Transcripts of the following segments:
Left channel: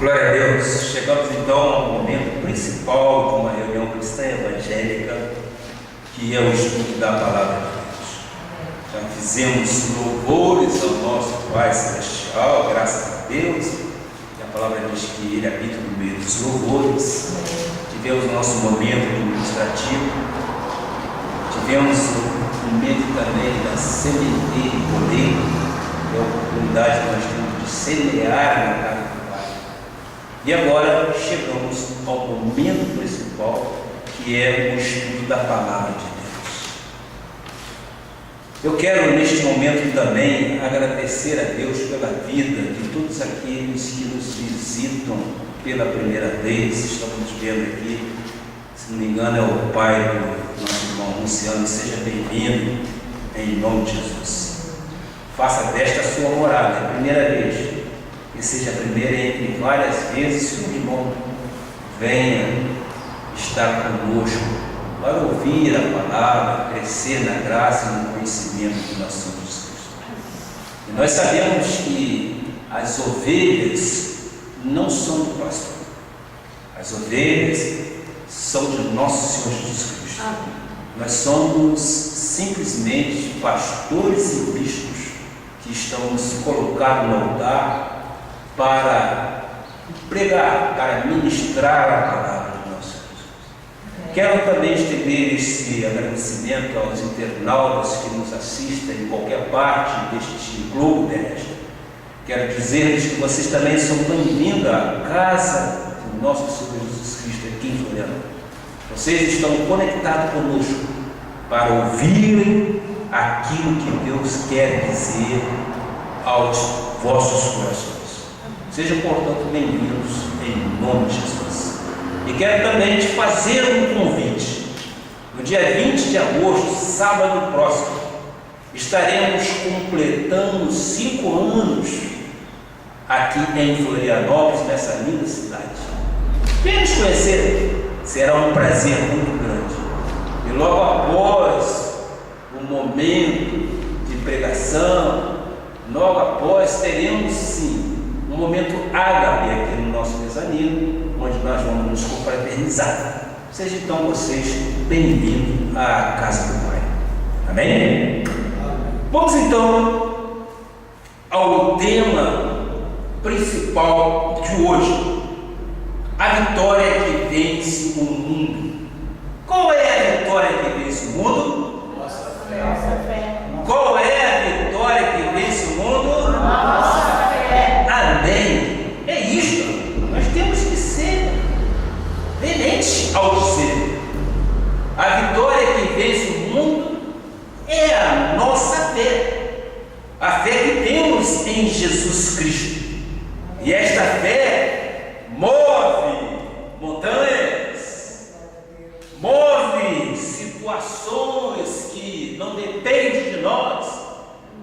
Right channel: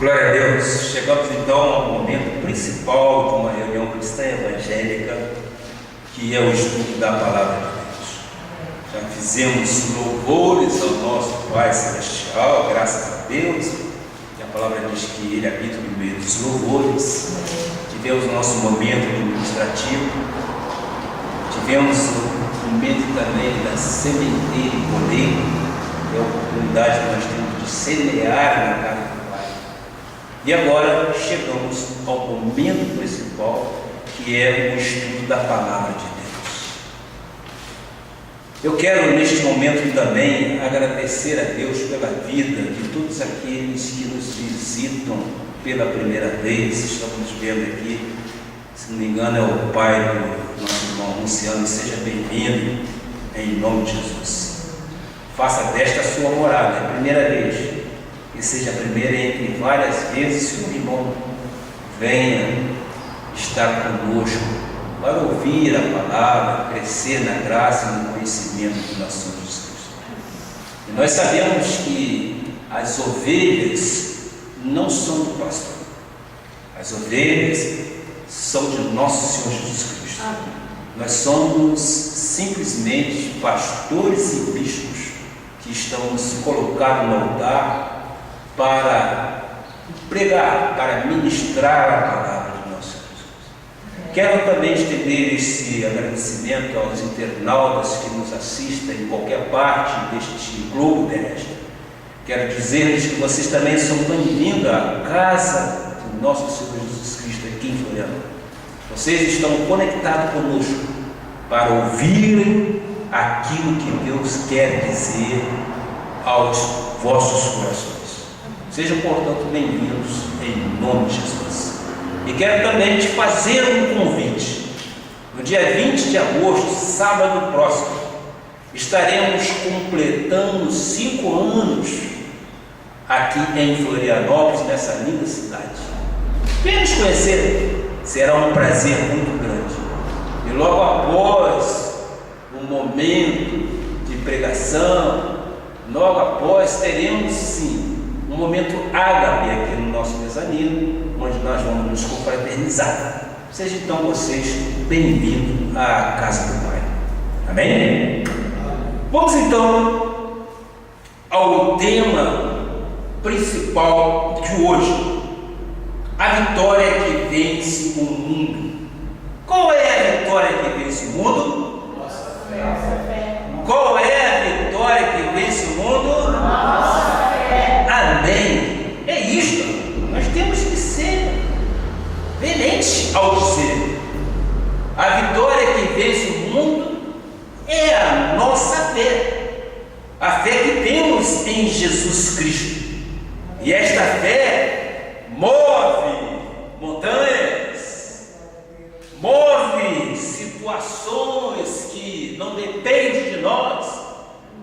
Glória a Deus. Chegamos então ao momento principal de uma reunião cristã evangélica, que é o estudo da Palavra de Deus. Já fizemos louvores ao nosso Pai Celestial, graças a Deus, e a palavra diz que Ele habita no meio dos louvores. Tivemos o nosso momento administrativo, tivemos o momento também da sementeira e colheita, que é a oportunidade que nós temos de semear na casa do Pai. E agora chegamos ao momento principal, que é o estudo da Palavra de Deus. Eu quero neste momento também agradecer a Deus pela vida de todos aqueles que nos visitam pela primeira vez. Estamos vendo aqui, se não me engano, é o pai do nosso irmão Luciano. Seja bem-vindo em nome de Jesus. Faça desta a sua morada, é a primeira vez, que seja a primeira entre várias vezes que o irmão venha estar conosco para ouvir a palavra, crescer na graça e no conhecimento do nosso Senhor Jesus Cristo. E nós sabemos que as ovelhas não são do pastor, as ovelhas são de nosso Senhor Jesus Cristo. Nós somos simplesmente pastores e bispos que estamos colocados no altar para pregar, para ministrar a palavra do nosso Jesus. Quero também estender esse agradecimento aos internautas que nos assistem em qualquer parte deste globo terrestre. Quero dizer-lhes que vocês também são bem-vindos à casa do nosso Senhor Jesus Cristo aqui em Florianópolis. Vocês estão conectados conosco para ouvirem aquilo que Deus quer dizer aos vossos corações. Sejam, portanto, bem-vindos em nome de Jesus. E quero também te fazer um convite. No dia 20 de agosto, sábado próximo, estaremos completando 5 anos aqui em Florianópolis, nessa linda cidade. Venha nos conhecer, será um prazer muito grande. E logo após o momento de pregação, logo após teremos sim um momento ágape aqui no nosso mezanino, onde nós vamos nos confraternizar. Sejam então vocês bem-vindos à casa do Pai. Amém? Vamos então ao tema principal de hoje: a vitória que vence o mundo. Qual é a vitória que vence o mundo? Nossa fé. Qual é a vitória que vence o mundo? Nossa fé. Amém. É isto. Nós temos que ser veementes ao dizer: a vitória que vence o mundo é a nossa fé. A fé que temos em Jesus Cristo. E esta fé move montanhas, move situações que não dependem de nós,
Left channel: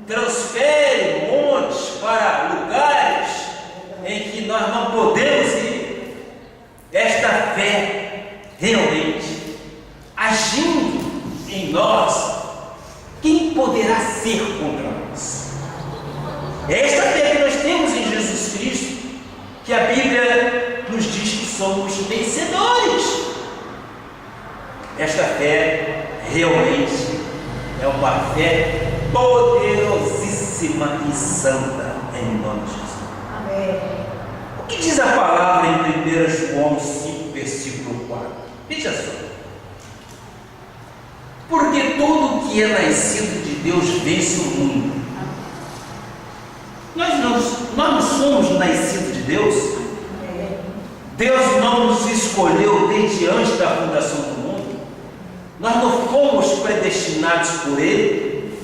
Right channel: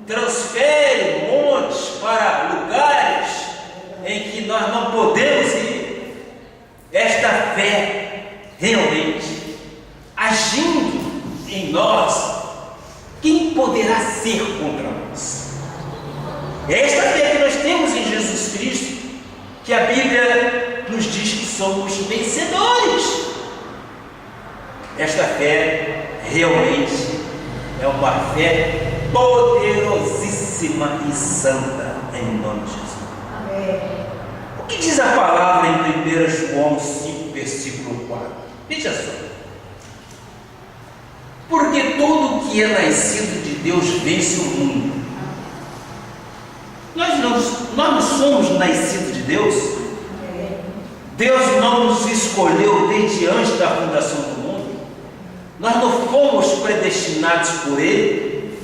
transfere montes para lugares em que nós não podemos ir. Esta fé realmente agindo em nós, quem poderá ser contra nós? É esta fé que nós temos em Jesus Cristo, que a Bíblia nos diz que somos vencedores. Esta fé realmente é uma fé poderosíssima e santa, em nome de Jesus. Amém. O que diz a palavra em 1 João 5, versículo 4? Veja só. Porque todo que é nascido de Deus vence o mundo. Nós não somos nascidos de Deus. Deus não nos escolheu desde antes da fundação do mundo. Nós não fomos predestinados por Ele.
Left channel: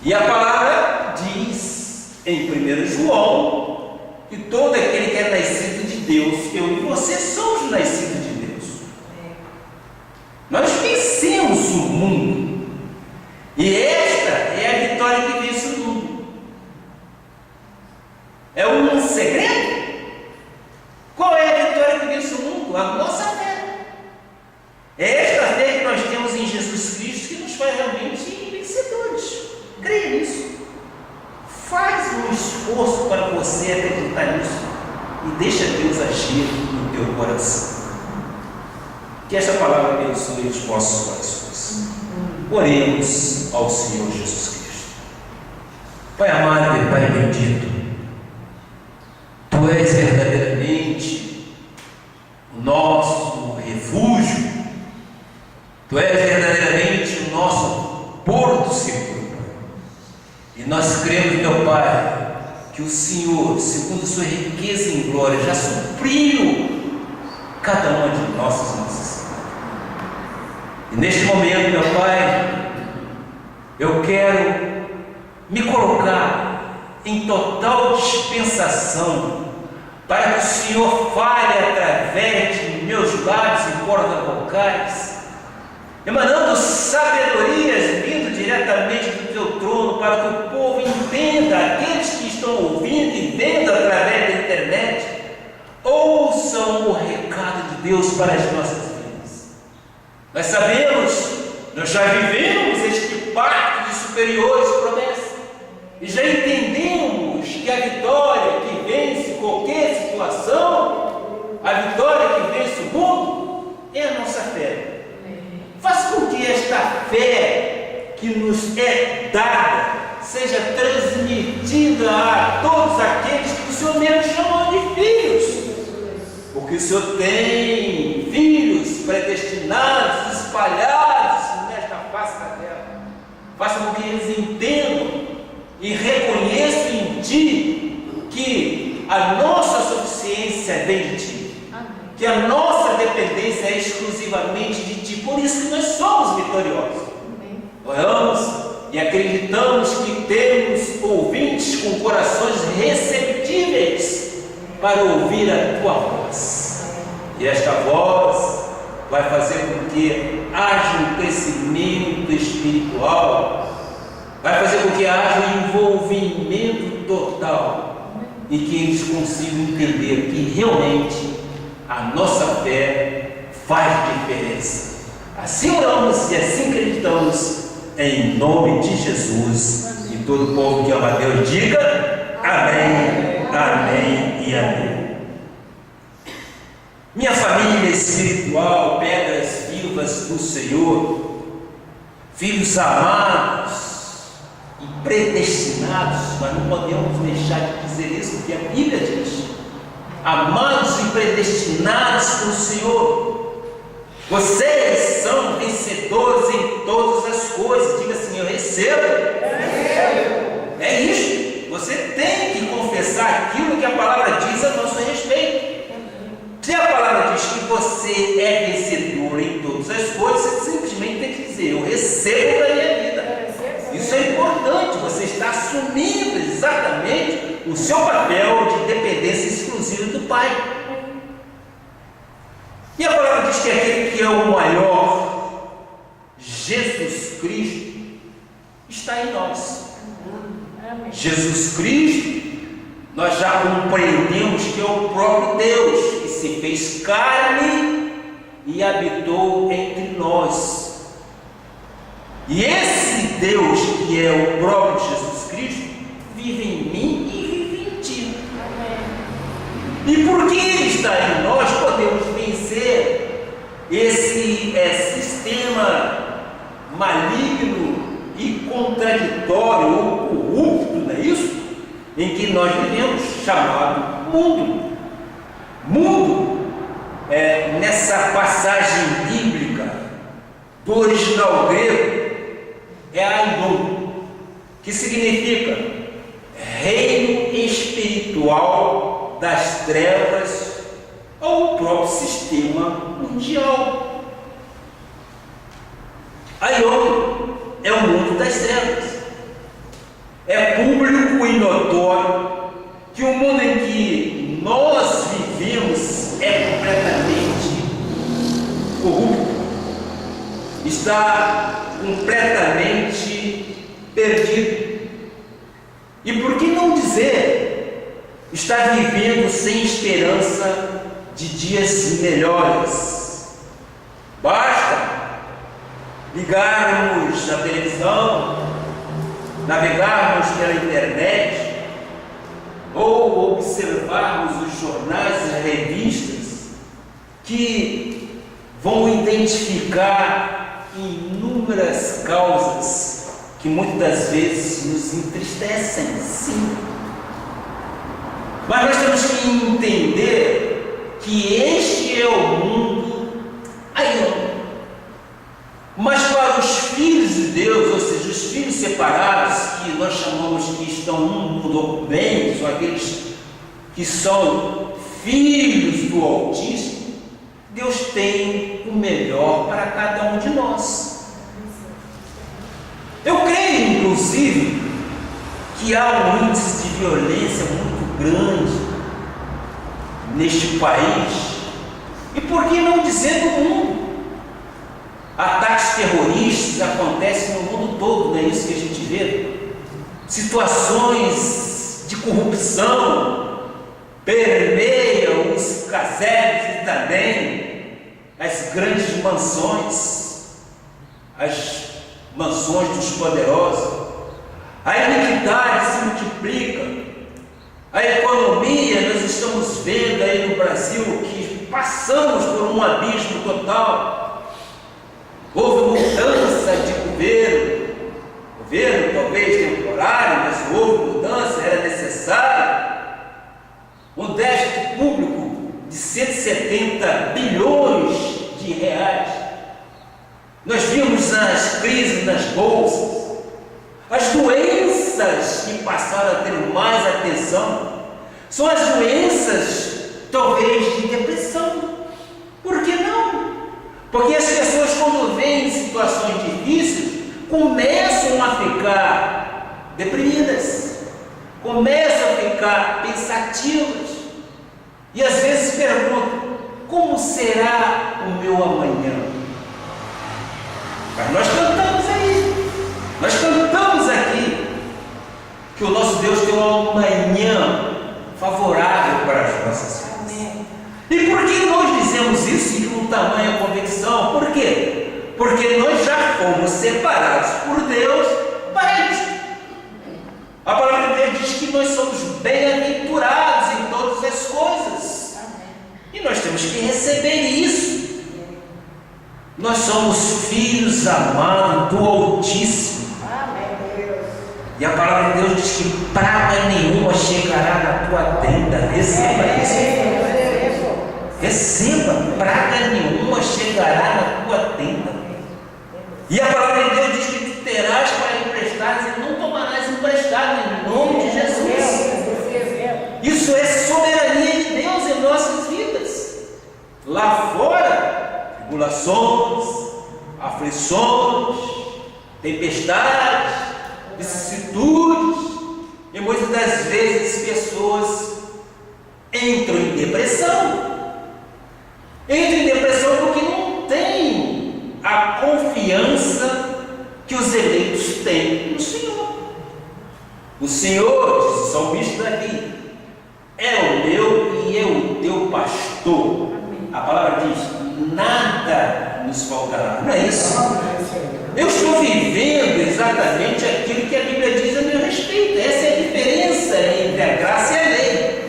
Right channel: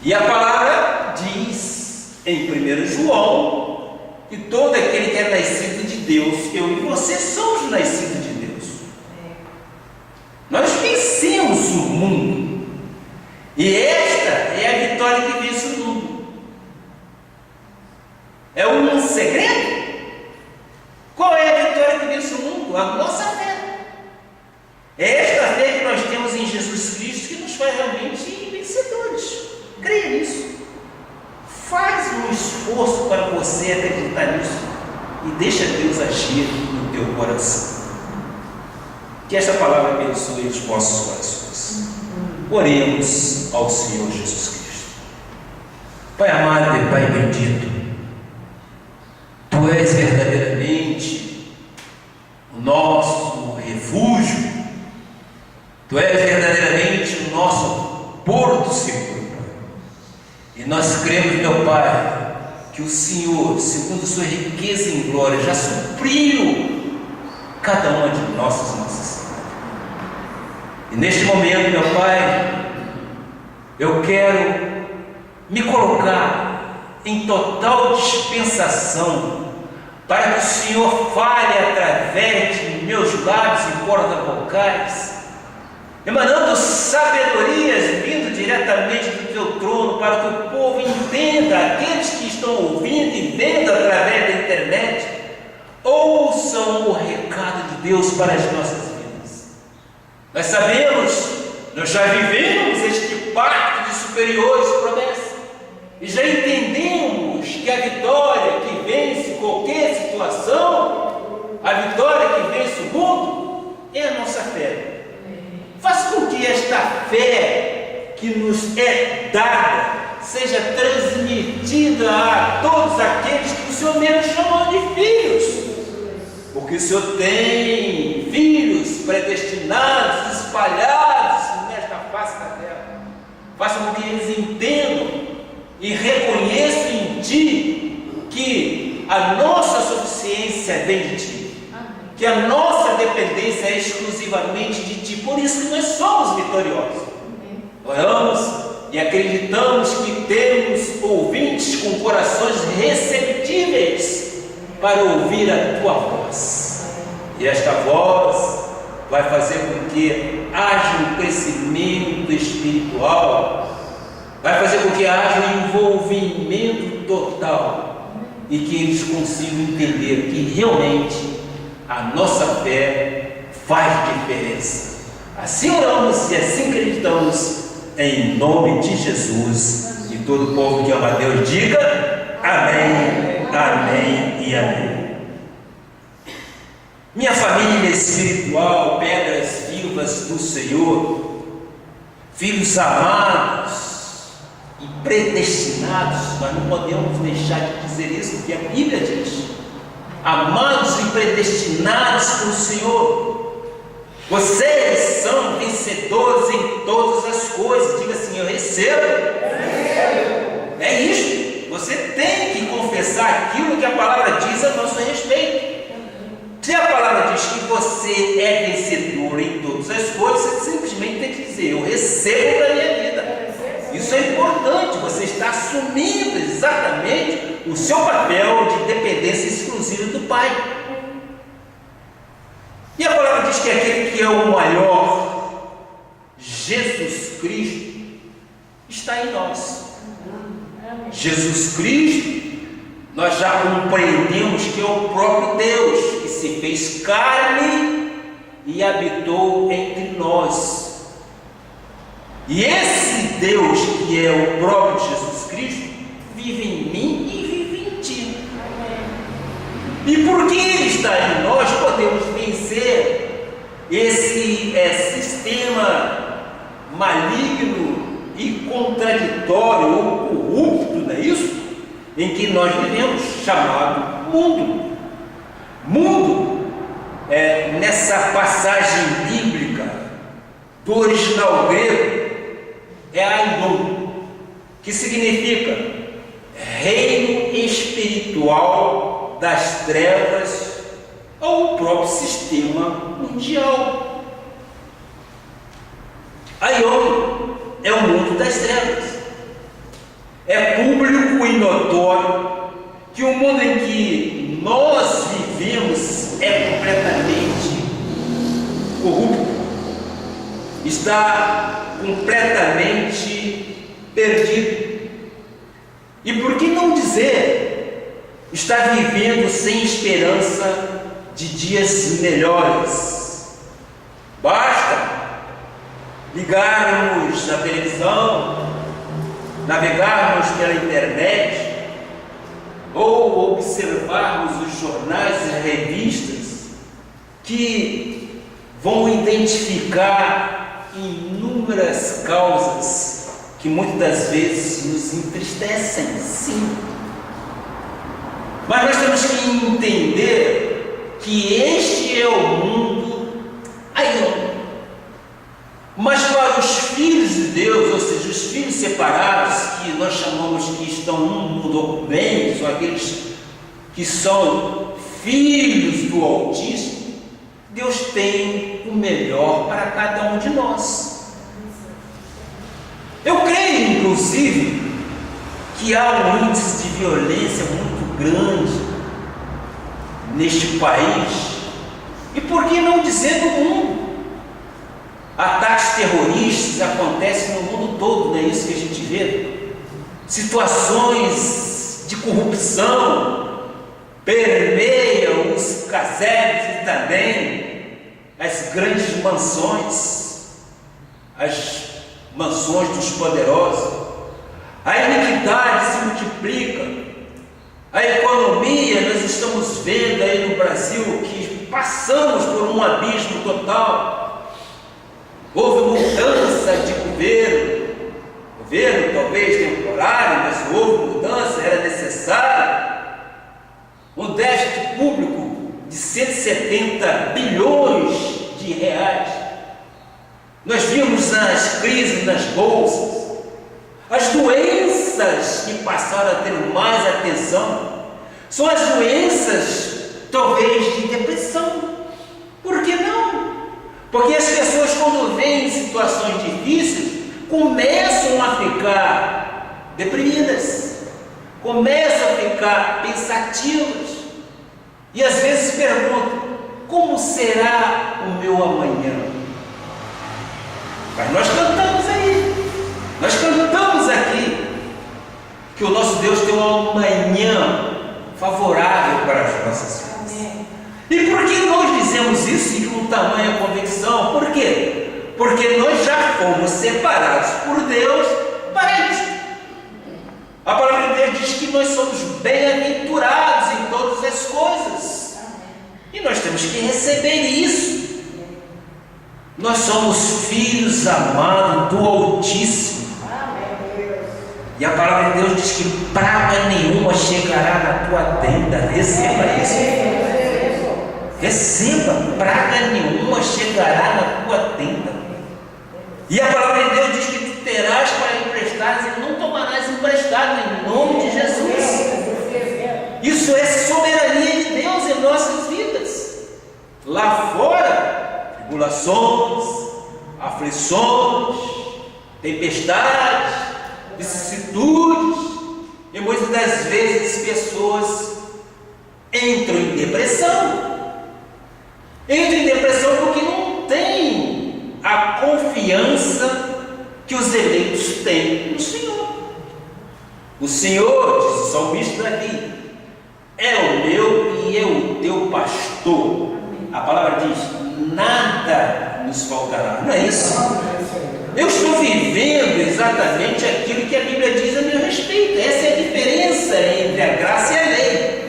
E a palavra diz em 1 João que todo aquele que é nascido de Deus, eu e você somos nascidos de Deus. Nós vencemos o mundo. E esta é a vitória que vence o mundo. É um segredo? Qual é a vitória que vence o mundo? A nossa fé. É esta fé que nós temos em Jesus Cristo que nos faz realmente vencedores. Creia nisso. Faz um esforço para você acreditar nisso. e deixa Deus agir no teu coração. Que esta palavra abençoe os vossos corações. Oremos ao Senhor Jesus Cristo. Pai amado e Pai bendito, Tu és verdadeiramente o nosso refúgio, Tu és verdadeiramente o nosso porto seguro. E nós cremos, meu Pai, que o Senhor, segundo a sua riqueza em glória, já supriu cada uma de nossas necessidades. E neste momento, meu Pai, eu quero me colocar em total dispensação para que o Senhor fale através de meus lábios e cordas vocais, emanando sabedorias vindo diretamente do teu trono, para que o povo entenda, aqueles que estão ouvindo e vendo através da internet, ouçam o recado de Deus para as nossas vidas. Nós sabemos, nós já vivemos este pacto de superiores promessas, e já entendemos que a vitória que vence qualquer situação, a vitória que vence o mundo, é a nossa fé. Faz com que esta fé que nos é dada seja transmitida a todos aqueles que o Senhor mesmo chamou de filhos, porque o Senhor tem filhos predestinados, espalhados nesta face da terra. Faça com que eles entendam e reconheçam em Ti que a nossa suficiência vem de Ti, que a nossa dependência é exclusivamente de Ti. Por isso que nós somos vitoriosos. Oramos e acreditamos que temos ouvintes com corações receptíveis para ouvir a Tua voz. E esta voz vai fazer com que haja um crescimento espiritual, vai fazer com que haja um envolvimento total, e que eles consigam entender que realmente a nossa fé faz diferença. Assim oramos e assim acreditamos, em nome de Jesus. E todo o povo que ama a Deus diga amém, amém e amém. Minha família espiritual, pedras vivas do Senhor, filhos amados e predestinados, nós não podemos deixar de dizer isso, porque a Bíblia diz: amados e predestinados pelo Senhor, vocês são vencedores em todas as coisas. Diga assim: eu recebo. É isso. Você tem que confessar aquilo que a palavra diz a nosso respeito. Se a palavra diz que você é vencedor em todas as coisas, você simplesmente tem que dizer: eu recebo da minha vida. Isso é importante. Você está assumindo exatamente o seu papel de dependência exclusiva do Pai. E a palavra diz que aquele que é o maior, Jesus Cristo, está em nós. Jesus Cristo, nós já compreendemos que é o próprio Deus que se fez carne e habitou entre nós. E esse Deus que é o próprio Jesus Cristo vive em mim e vive em ti. E porque Ele está em nós, podemos vencer esse sistema maligno e contraditório ou corrupto, não é isso? Em que nós vivemos, chamado mundo. Mundo, nessa passagem bíblica do original grego, é aion, que significa reino espiritual das trevas, ou o próprio sistema mundial. Aion é o mundo das trevas. É público e notório que o mundo em que nós vivemos é completamente corrupto, está completamente perdido. E por que não dizer, está vivendo sem esperança de dias melhores? Basta ligarmos a televisão, navegarmos pela internet, ou observarmos os jornais e revistas, que vão identificar inúmeras causas que muitas das vezes nos entristecem, sim. Mas nós temos que entender que este é o mundo aí. Mas para os filhos de Deus, ou seja, os filhos separados, que nós chamamos que estão no mundo bem, são aqueles que são filhos do Altíssimo, Deus tem o melhor para cada um de nós. Eu creio, inclusive, que há um índice de violência muito grande neste país, e por que não dizer no mundo? Ataques terroristas acontecem no mundo todo, não é isso que a gente vê? Situações de corrupção permeiam os casebres e também as grandes mansões, as mansões dos poderosos. A iniquidade se multiplica, a economia, nós estamos vendo aí no Brasil que passamos por um abismo total. Houve mudança de governo talvez temporário, mas houve mudança, era necessário. Um déficit público de 170 bilhões de reais. Nós vimos as crises nas bolsas, as doenças que passaram a ter mais atenção, são as doenças talvez de depressão. Por que não? Porque as pessoas, quando veem situações difíceis, começam a ficar deprimidas, começam a ficar pensativas, e às vezes perguntam: como será o meu amanhã? Mas nós cantamos aí, nós cantamos aqui, que o nosso Deus tem um amanhã favorável para as nossas vidas. E por que nós dizemos isso e com tamanha convicção? Por quê? Porque nós já fomos separados por Deus para isso. A palavra de Deus diz que nós somos bem-aventurados em todas as coisas. E nós temos que receber isso. Nós somos filhos amados do Altíssimo. E a palavra de Deus diz que praga nenhuma chegará na tua tenda. Receba isso. Receba, praga nenhuma chegará na tua tenda. E a palavra de Deus diz que tu terás para emprestar e não tomarás emprestado, em nome de Jesus. Isso é soberania de Deus em nossas vidas. Lá fora, tribulações, aflições, tempestades, vicissitudes, e muitas das vezes pessoas entram em depressão. Entram em depressão porque não tem a confiança que os eleitos têm no Senhor. O Senhor, diz o salmista Davi, é o meu e é o teu pastor. A palavra diz: nada nos faltará. Não é isso? Eu estou vivendo exatamente aquilo que a Bíblia diz a meu respeito. Essa é a diferença entre a graça e a lei.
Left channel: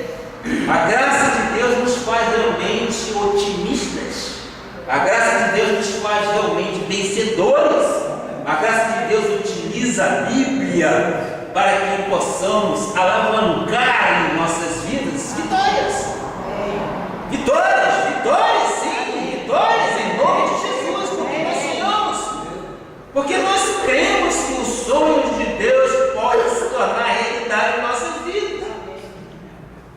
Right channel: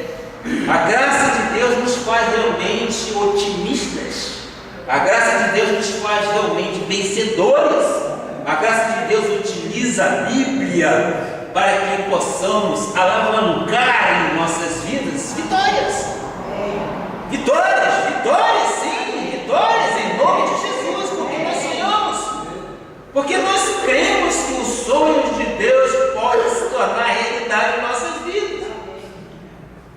A graça de Deus nos faz realmente otimistas. A graça de Deus nos faz realmente vencedores. A graça de Deus utiliza a Bíblia para que possamos alavancar em nossas vidas vitórias. Vitórias, sim, vitórias em nome de Jesus, porque nós sonhamos. Porque nós cremos que os sonhos de Deus podem se tornar realidade em nossas vidas.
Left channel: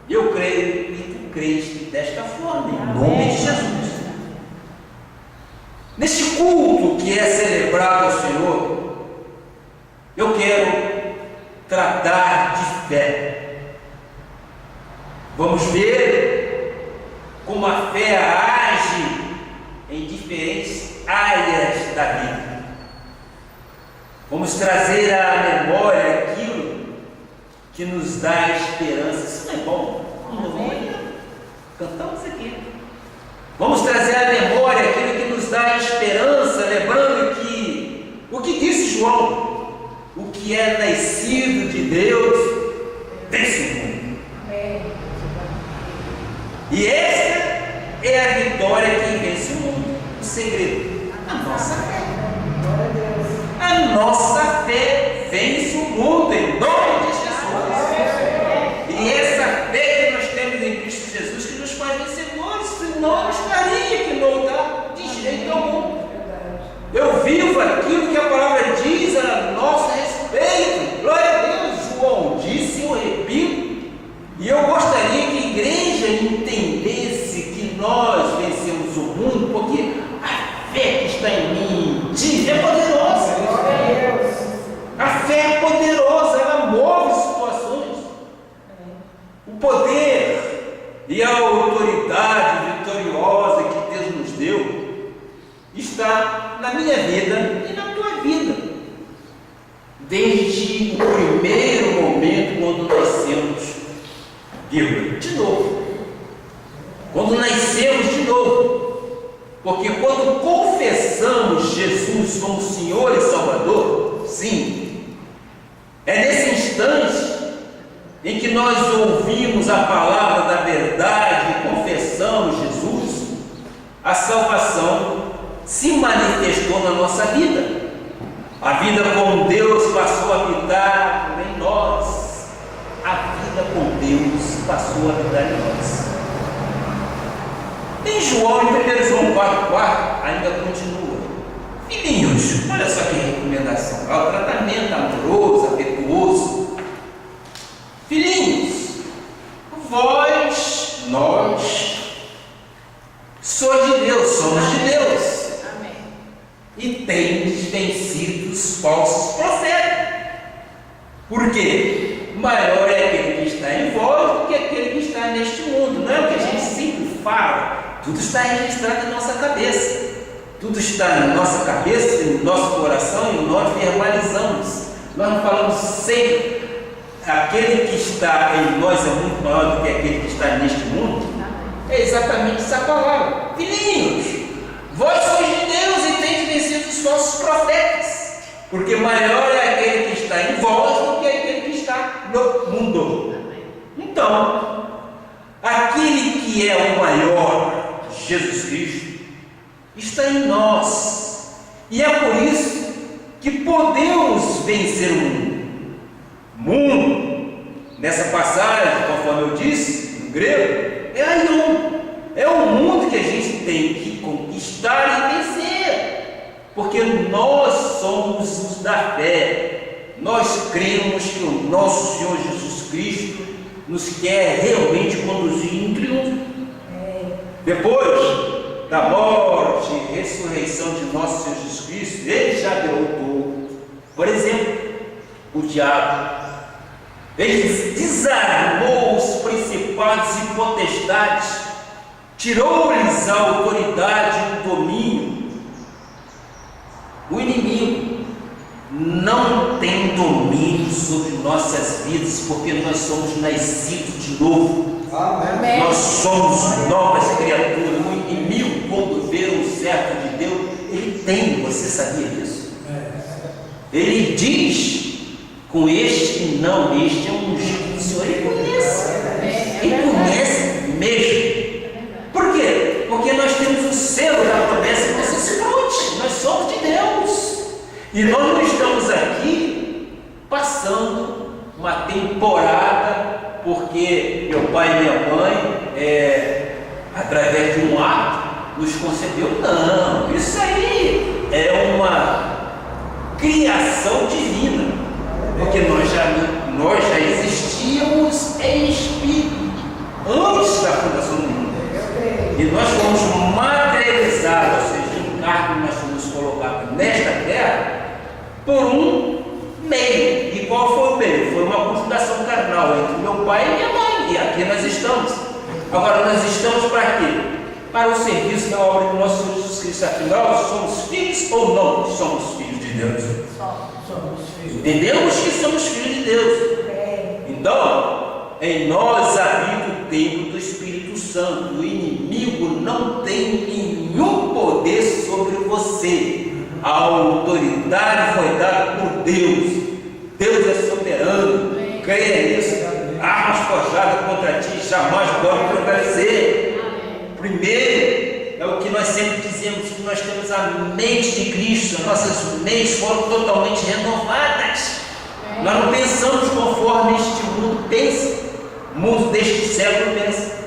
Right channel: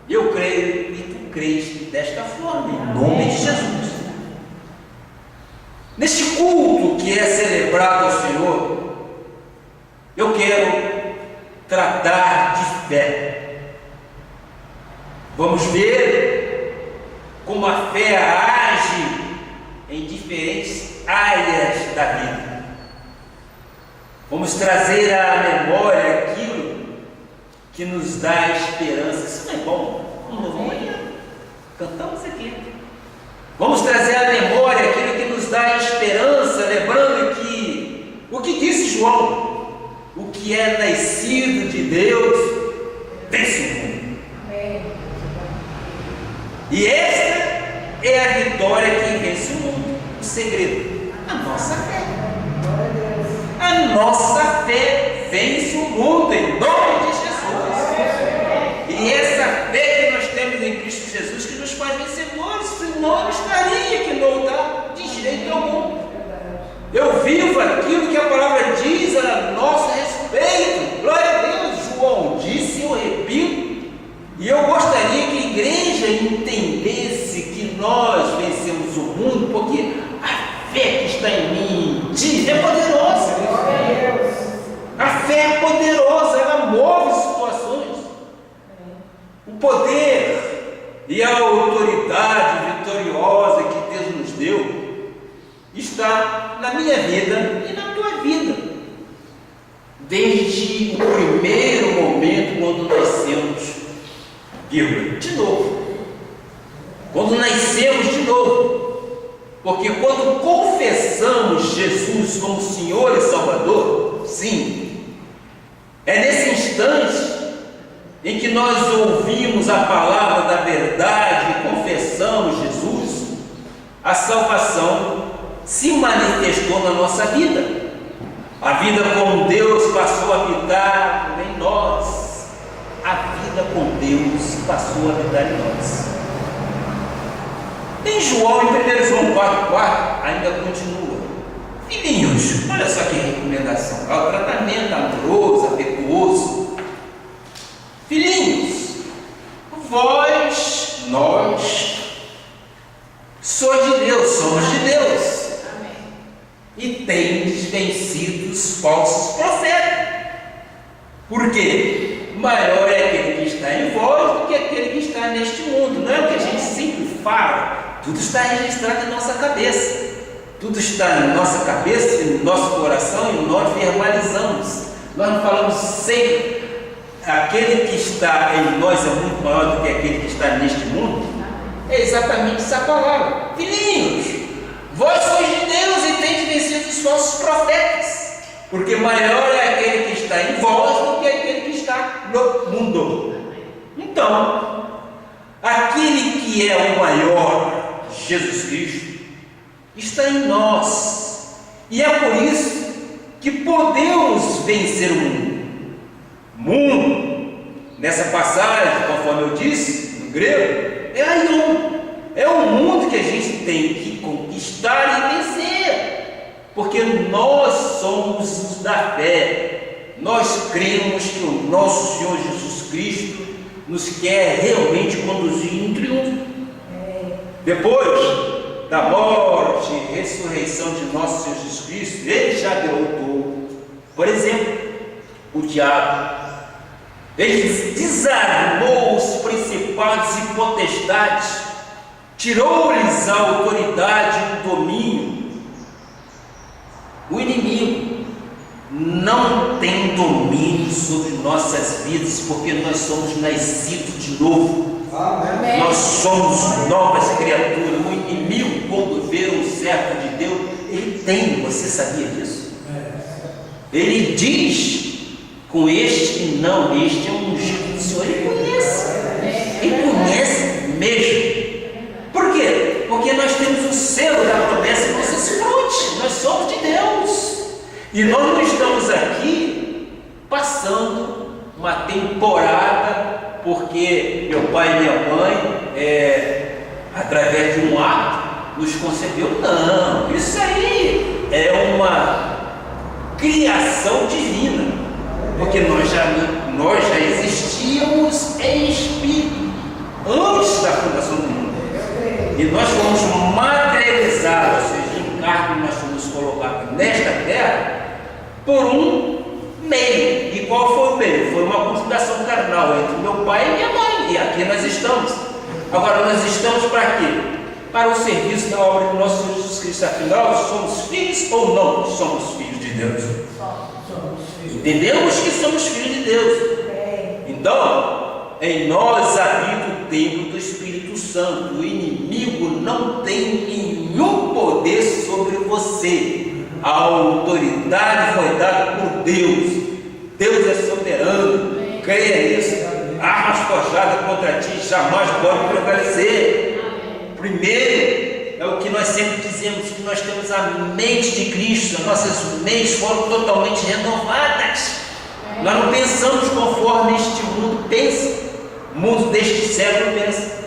Eu creio e tu crês desta forma, em nome de Jesus. Neste culto que é celebrado ao Senhor, eu quero tratar de fé. Vamos ver como a fé age em diferentes áreas da vida. Vamos trazer à memória aquilo que nos dá esperança. Isso não é bom? Cantamos aqui. Vamos trazer à memória aquilo que nos dá esperança, lembrando que o que disse João: o que é nascido de Deus vence o mundo. E esta é a vitória que vence o mundo. O segredo: a nossa fé. A nossa fé vence o mundo em nome de Jesus. E essa fé que nós temos em Cristo Jesus que nos faz vencedores, senão eu estaria aqui no altar de jeito algum. Eu vivo aquilo que a palavra diz a nosso respeito. Glória a Deus. João disse, eu repito, e eu gostaria que a igreja entendesse que nós vencemos o mundo, porque a fé que está em mim, diz, é poderosa. A fé é poderosa, ela move situações. O poder e a autoridade vitoriosa que Deus nos deu está na minha vida e na tua vida, desde o primeiro momento quando nascemos, de novo, quando nascemos de novo, porque quando confessamos Jesus como Senhor e Salvador, sim, é nesse instante em que nós ouvimos a palavra da verdade e confessamos Jesus, a salvação se manifestou na nossa vida. A vida com Deus passou a habitar em nós. A vida com Deus passou a habitar em nós. Em João, em 1 João 4,4, ainda continua: filhinhos, olha só que recomendação, ao tratamento amoroso, afetuoso. Filhinhos, nós, sois de Deus, somos de Deus. E tendes vencido os falsos profetas. Por quê? Maior é aquele que está em vós do que aquele que está neste mundo. Não é o que a gente sempre fala. Tudo está registrado em nossa cabeça. Tudo está na nossa cabeça, no nosso coração, e nós verbalizamos. Nós não falamos sempre. Aquele que está em nós é muito maior do que aquele que está neste mundo. É exatamente essa palavra. Filhinhos, vós sois de Deus e tendes vencido os falsos profetas, porque maior é aquele que está em vós do que aquele que está no mundo. Então, aquele que é o maior, Jesus Cristo, está em nós, e é por isso que podemos vencer o mundo. Mundo, nessa passagem, conforme eu disse, no grego, é aion. É o mundo que a gente tem que conquistar e vencer, porque nós somos os da fé. Nós cremos que o nosso Senhor Jesus Cristo nos quer realmente conduzir em triunfo. Depois da morte e ressurreição de nosso Senhor Jesus Cristo, Ele já derrotou, por exemplo, o diabo. Ele desarmou os principados e potestades, tirou-lhes a autoridade e o domínio. O inimigo não tem domínio sobre nossas vidas, porque nós somos nascidos de novo. Amém. Nós somos novas criaturas. O inimigo, quando vê um servo de Deus, ele tem, você sabia disso? Ele diz: com este não, este é um ungido do Senhor. Ele conhece mesmo. Por quê? Porque nós temos o selo da promessa e nós desfrute. Nós somos de Deus. E nós não estamos aqui passando uma temporada porque meu pai e minha mãe, através de um ato, nos concebeu. Não, isso aí é uma criação divina. Porque nós já existíamos em espírito antes da fundação do mundo. E nós fomos materializados, ou seja, em carne, nós fomos colocados nesta terra por um meio. E qual foi o meio? Foi uma conjugação carnal entre meu pai e minha mãe. E aqui nós estamos. Agora, nós estamos para quê? Para o serviço da obra do nosso Senhor Jesus Cristo. Afinal, somos filhos ou não somos filhos de Deus? Entendemos que somos filhos de Deus. Então, em nós habita o templo do Espírito Santo. O inimigo não tem nenhum poder sobre você. A autoridade foi dada por Deus. Deus é soberano. Creia nisso. armas forjadas contra ti jamais podem prevalecer. Primeiro, é o que nós sempre dizemos, que nós temos a mente de Cristo, as nossas mentes foram totalmente renovadas. Nós não pensamos conforme este mundo pensa, o mundo deste século pensa.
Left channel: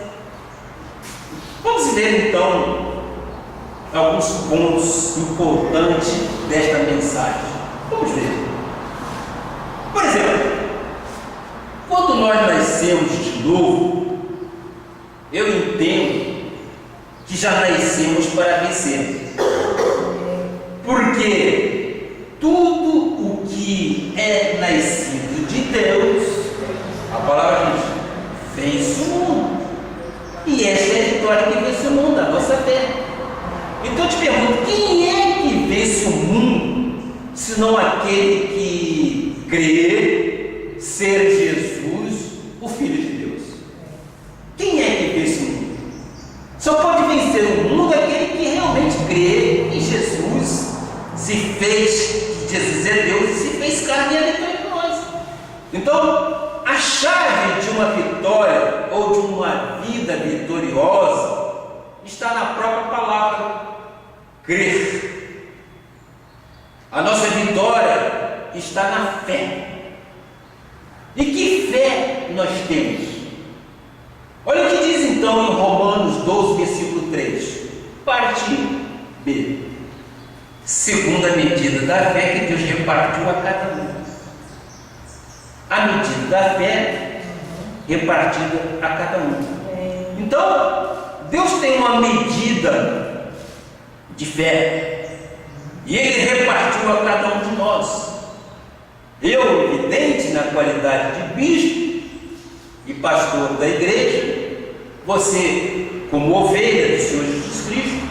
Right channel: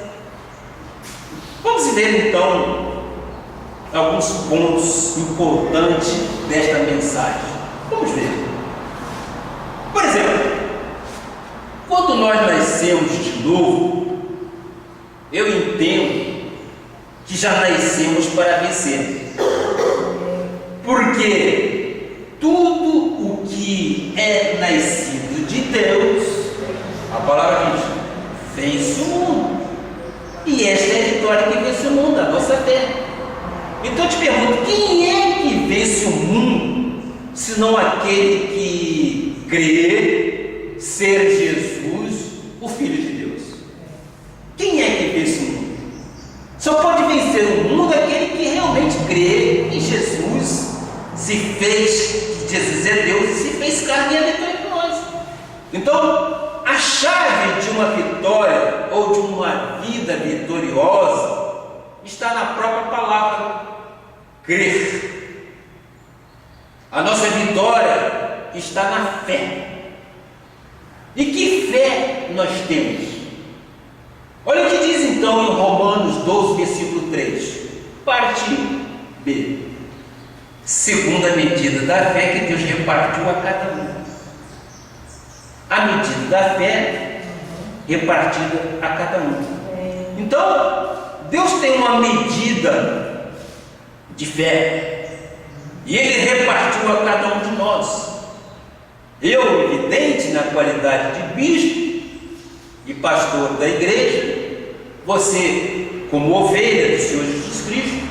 Vamos ver então alguns pontos importantes desta mensagem. Vamos ver. Por exemplo, quando nós nascemos de novo, eu entendo que já nascemos para vencer. Porque tudo o que é nascido de Deus, a palavra diz, vence o mundo. E esta é a vitória que vence o mundo, a nossa fé. Então eu te pergunto, quem é que vence o mundo, senão aquele que crê ser Jesus, o Filho de Deus? Quem é que vence o mundo? Só pode vencer o mundo aquele que realmente crê em Jesus, se fez, Jesus é Deus e se fez carne e habitou entre nós. Então, a chave de uma vitória ou de uma vida vitoriosa está na própria palavra, crer. A nossa vitória está na fé. E que fé nós temos? Olha o que diz então em Romanos 12, versículo 3, parte B. Segundo a medida da fé que Deus repartiu a cada um. A medida da fé repartida a cada um. Então, Deus tem uma medida de fé e Ele repartiu a cada um de nós. Eu, evidente, na qualidade de bispo e pastor da igreja, você, como ovelha do Senhor Jesus Cristo,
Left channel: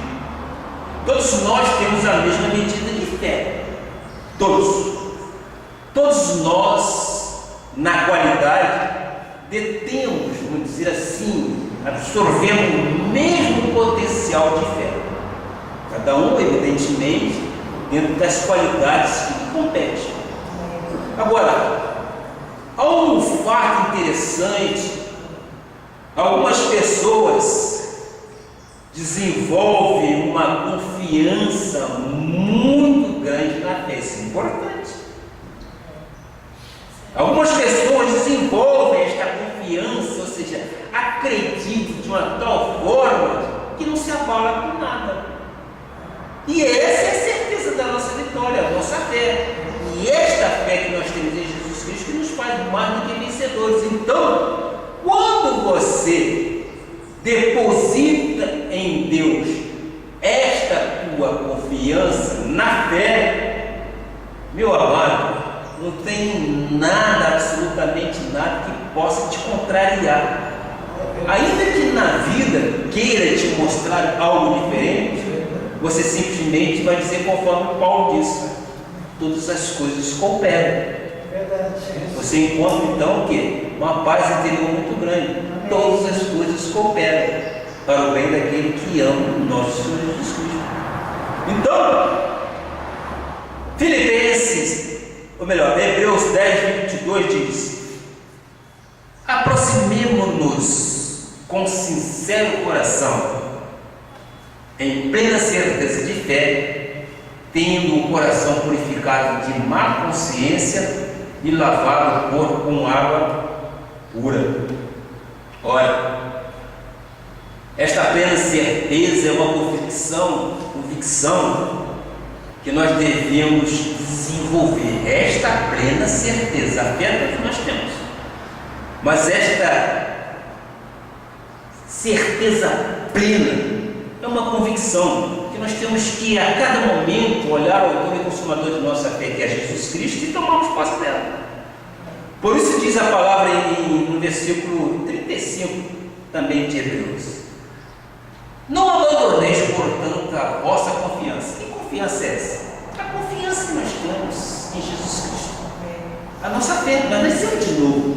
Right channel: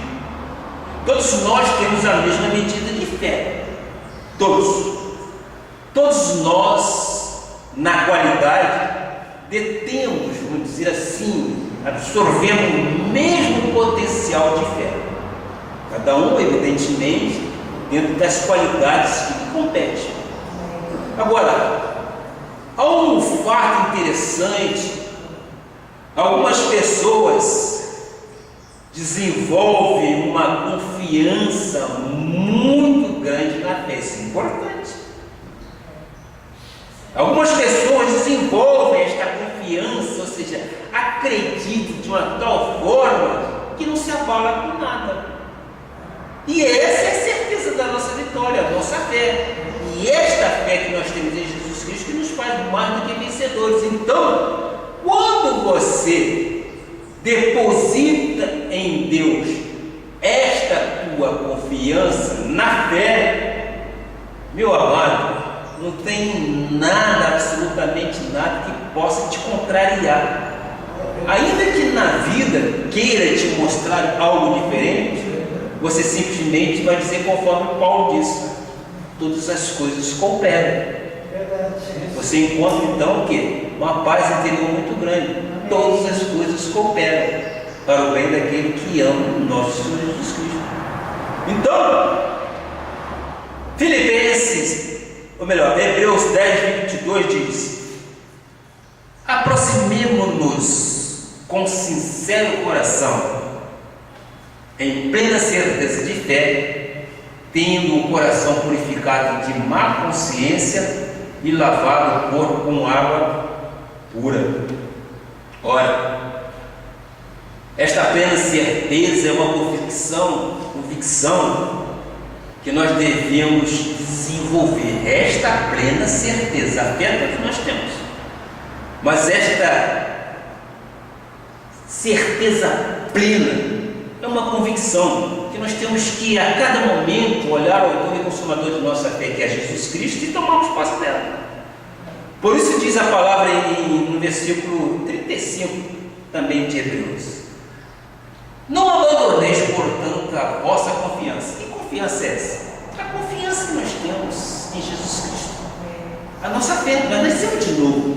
todos nós temos a mesma medida de fé. Todos nós, na qualidade, detemos, vamos dizer assim, absorvemos o mesmo potencial de fé. Cada um, evidentemente, dentro das qualidades que lhe competem. Agora, há um fato interessante. Algumas pessoas desenvolvem uma confiança muito grande na fé. Isso é importante. Algumas pessoas desenvolvem esta confiança, ou seja, acreditam de uma tal forma que não se abala com nada. E essa é a certeza da nossa vitória, a nossa fé. E esta fé que nós temos em Jesus Cristo que nos faz mais do que vencedores. Então, quando você deposita em Deus esta tua confiança na fé, meu amado, não tem nada, absolutamente nada que possa te contrariar. Ainda que na vida queira te mostrar algo diferente, você simplesmente vai dizer conforme Paulo disse: todas as coisas cooperam. Você encontra então o quê? Uma paz interior muito grande. Todas as coisas cooperam para o bem daquele que ama o nosso Senhor Jesus Cristo. Então, Hebreus 10:22 diz: aproximemo-nos com sincero coração, em plena certeza de fé, tendo o coração purificado de má consciência e lavado o corpo com água pura. Ora, esta plena certeza é uma convicção que nós devemos desenvolver. Esta plena certeza, a fé que nós temos, mas esta certeza plena é uma convicção que nós temos que a cada momento olhar ao autor e consumador de nossa fé, que é Jesus Cristo, e tomarmos posse dela. Por isso diz a palavra no versículo 35 também de Hebreus: não abandoneis, portanto, a vossa confiança. Que confiança é essa? A confiança que nós temos em Jesus Cristo, a nossa fé. Nós nascemos de novo.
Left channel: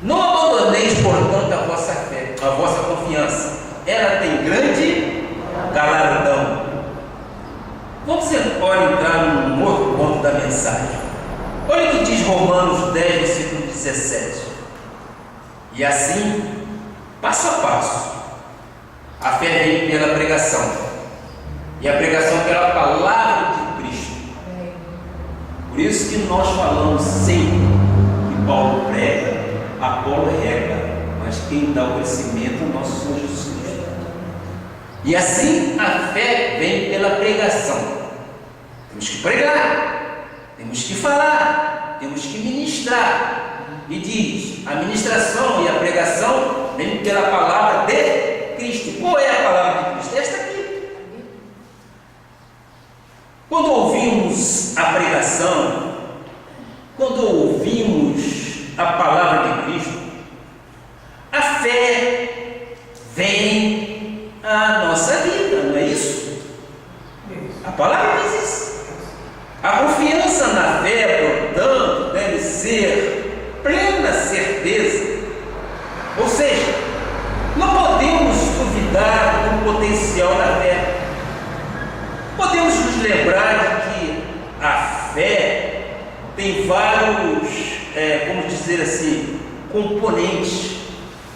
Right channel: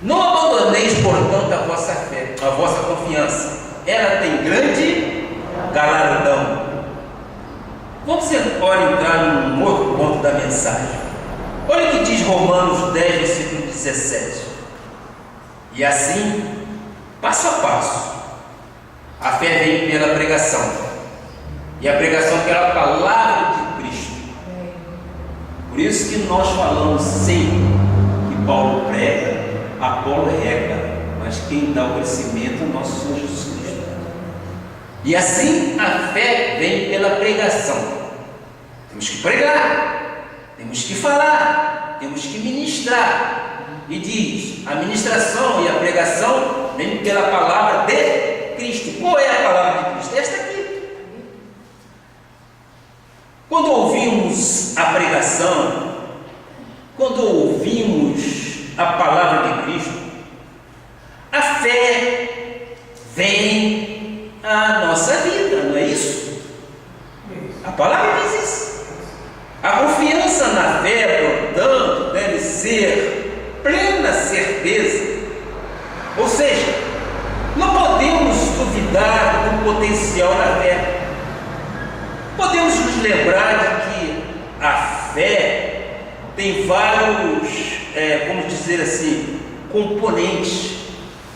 Não abandoneis, portanto, a vossa fé, a vossa confiança. Ela tem grande galardão. Vamos agora entrar num outro ponto da mensagem. Olha o que diz Romanos 10, versículo 17: E assim, passo a passo, a fé vem pela pregação, e a pregação pela palavra de Cristo. Por isso que nós falamos sempre que Paulo prega, Apolo rega, mas quem dá o crescimento é o nosso Senhor Jesus Cristo. E assim a fé vem pela pregação. Temos que pregar, temos que falar, temos que ministrar. E diz, a ministração e a pregação vem pela palavra de Cristo. Qual é a palavra de Cristo? Esta aqui. Quando ouvimos a pregação, quando ouvimos a palavra de Cristo, a fé vem à nossa vida, não é isso? A palavra diz isso. A confiança na fé, portanto, deve ser plena certeza. Ou seja, não podemos duvidar do potencial da fé. Podemos nos lembrar de que a fé tem vários, vamos dizer assim, componentes.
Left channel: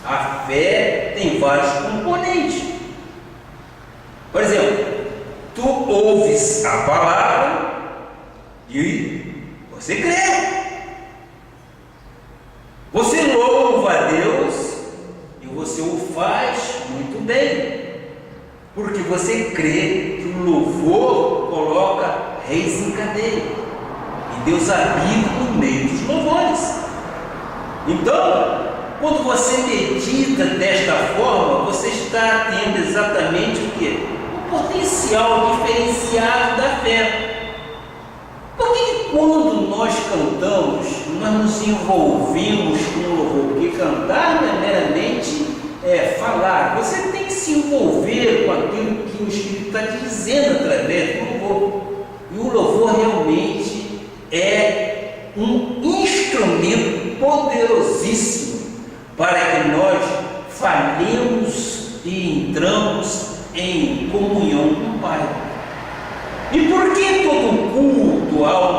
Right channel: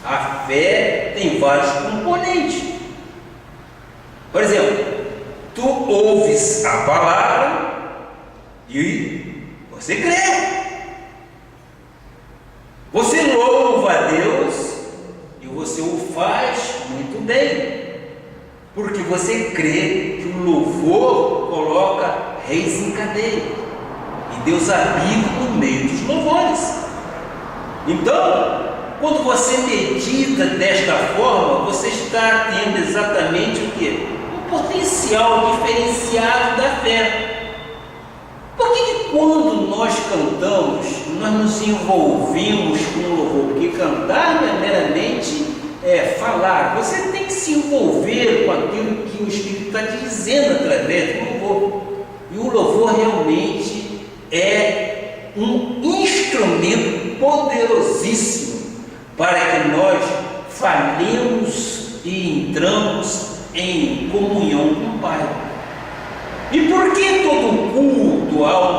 A fé tem vários componentes. Por exemplo, tu ouves a palavra e você crê. Você louva a Deus e você o faz muito bem, porque você crê que o louvor coloca reis em cadeia e Deus habita no meio dos louvores. Então, quando você medita desta forma, você está tendo exatamente o quê? O potencial diferenciado da fé. Por que quando nós cantamos, nós nos envolvemos com o louvor? Porque cantar não é meramente falar. Você tem que se envolver com aquilo que o Espírito está dizendo através do louvor. E o louvor realmente é um instrumento poderosíssimo para que nós falemos e entramos em comunhão com o Pai. E por que todo culto ao